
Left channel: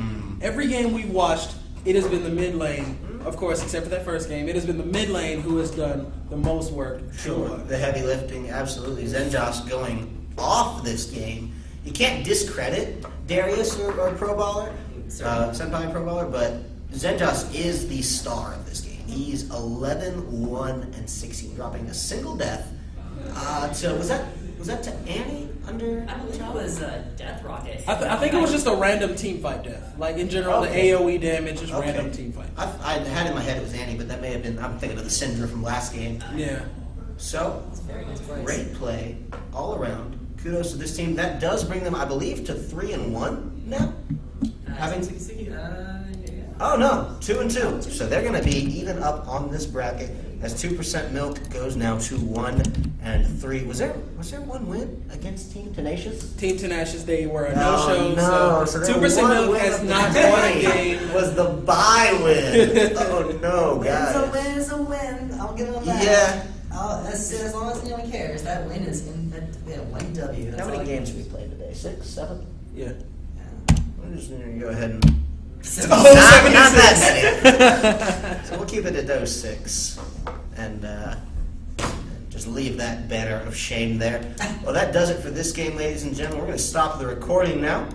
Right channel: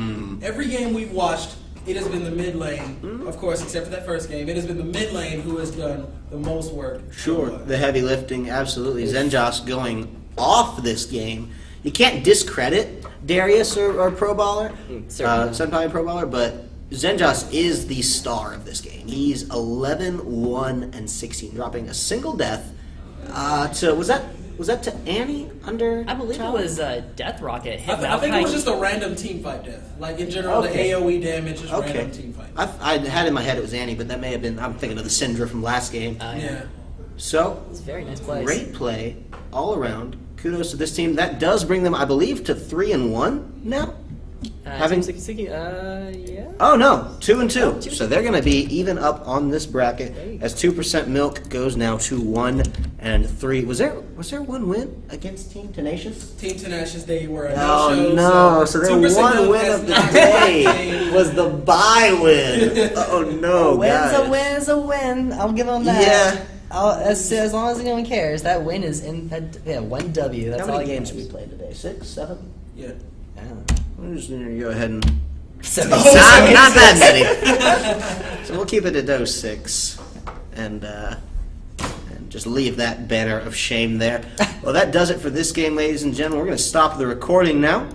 Every game we've watched, it has been the mid lane, of course, except for that first game. It has been the mid lane who has done the most work. Sure, the heavy lifting, absolutely. Zenjos going off this game. You can't discredit Darius or Pro Baller, Senpai and Pro Baller, but Zenjos is the star of this game. He's 11, 1, and 16, dropping a single death to was that to Annie under? I believe tower? it was Death Rocket. I think it was just a random team fight death. Like in general, the AoE damage is Okay. random team fight. I had in my head it was Annie, but that may have been. I'm thinking of the Syndra from last game. Yeah. So It's a very nice place. great play all around. Kudos to this team. That does bring them, I believe, to 3-1 now. Having Team Suki, yeah. Oh no, 2-2. So they're going to be even up on this bracket as 2% milk goes now to 1 and 3. Was there 1 win against Team Tenacious? Team Tenacious, they were a Oh no-show. no! So their 2% one milk win has of the not day played. was the bye win. Oh no, guys! Win's a win. I'll give them that. Yeah. As long as anyone cares, that win is in. 1 W. That's How all many I games can- have we played today? 6, 7? Yeah. I'm just going to go ahead and So- not that many. So we'll keep it at those 6, and just leave that banner of shame there. Well, that does it for this game, ladies and gentlemen. We're going to stop the recording now.